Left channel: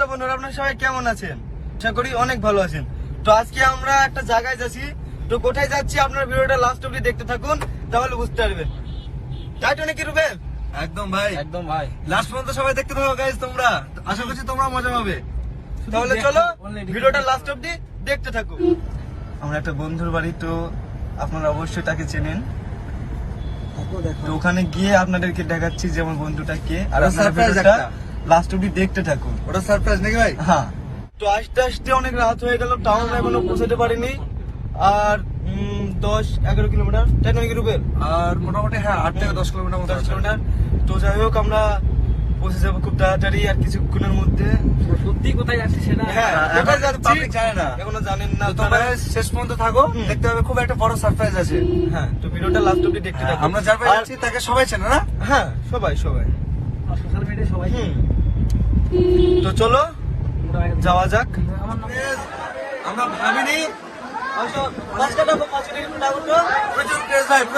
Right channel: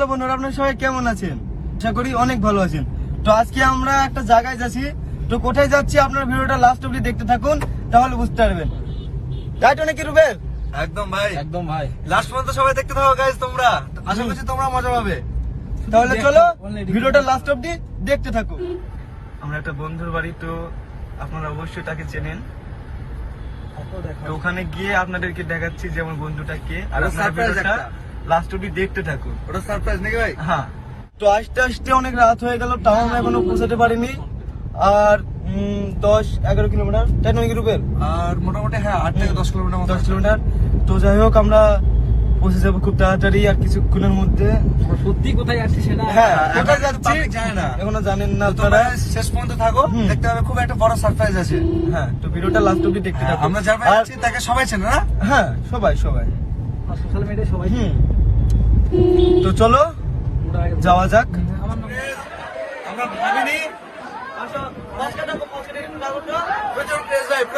Hello বন্ধুরা, আপনারা সবাই কেমন আছেন? আশা করি অনেক ভালো আছেন। তো আজকে আমরা একটা জায়গায় যাচ্ছি। তো কোথায় যাচ্ছি আপনারা ভিডিওটা লাস্ট অবধি দেখতে থাকুন, তাহলে বুঝতে পারবেন। তাই তো নাকি রুবেল? একদম ভাই, একদম ভাই। লাস্ট পর্যন্ত সবাই দেখতে থাকো গাইস, তোমরা আশা করছি তোমরা মজা পাবে। তাহলে চলো ভিডিওটা লাস্ট অবধি দেখতে থাকুন। আমরা একটা বন্ধুর বাড়ি, তো আপনারা অবশ্যই তাকে চেনেন। তো ওখানে গিয়ে আপনাদেরকে দেখাচ্ছি যে আমার বন্ধুটা কে, আর ওটা আপনারা surprise ভিডিওটা একটা। লাস্ট অবধি দেখতে থাকুন। ওটা সারপ্রাইজ নাকি ভাই? হ্যাঁ, তো আসতে আসতে অনেক রাত হয়ে গেল, তাও আমরা এখনো পৌঁছাতে পারিনি। আর 10-11 কিলোমিটার, তাই নয় কি রুবেল? আর মোটামুটি হ্যাঁ 8 থেকে 10 কিলোমিটার মতো 10 কিলোমিটার। তো যাই হোক, আমরা পৌঁছে যাবো খুব তাড়াতাড়ি আর কিছুক্ষণের মধ্যে। সত্যি কোথায় যাচ্ছি সেটা হ্যাঁ, এখন কোথায় যাচ্ছি public জানে না। এখনো জানেন না তো তোমরা আপনারা। শেষ পর্যন্ত থাকো, হুম। দেখতে হবে খুব একটা বড় সারপ্রাইজ আছে। হ্যাঁ, তো ভিডিওটা লাস্ট অবধি দেখতে থাকুন। আমরা যার বাড়ি আর- যাচ্ছি তাকে সবাই চেনে না? হ্যাঁ, সবাই সোশ্যাল মিডিয়ায় সবাই তো চলো যাওয়া যাক। আমরা ভাবিনি ভাই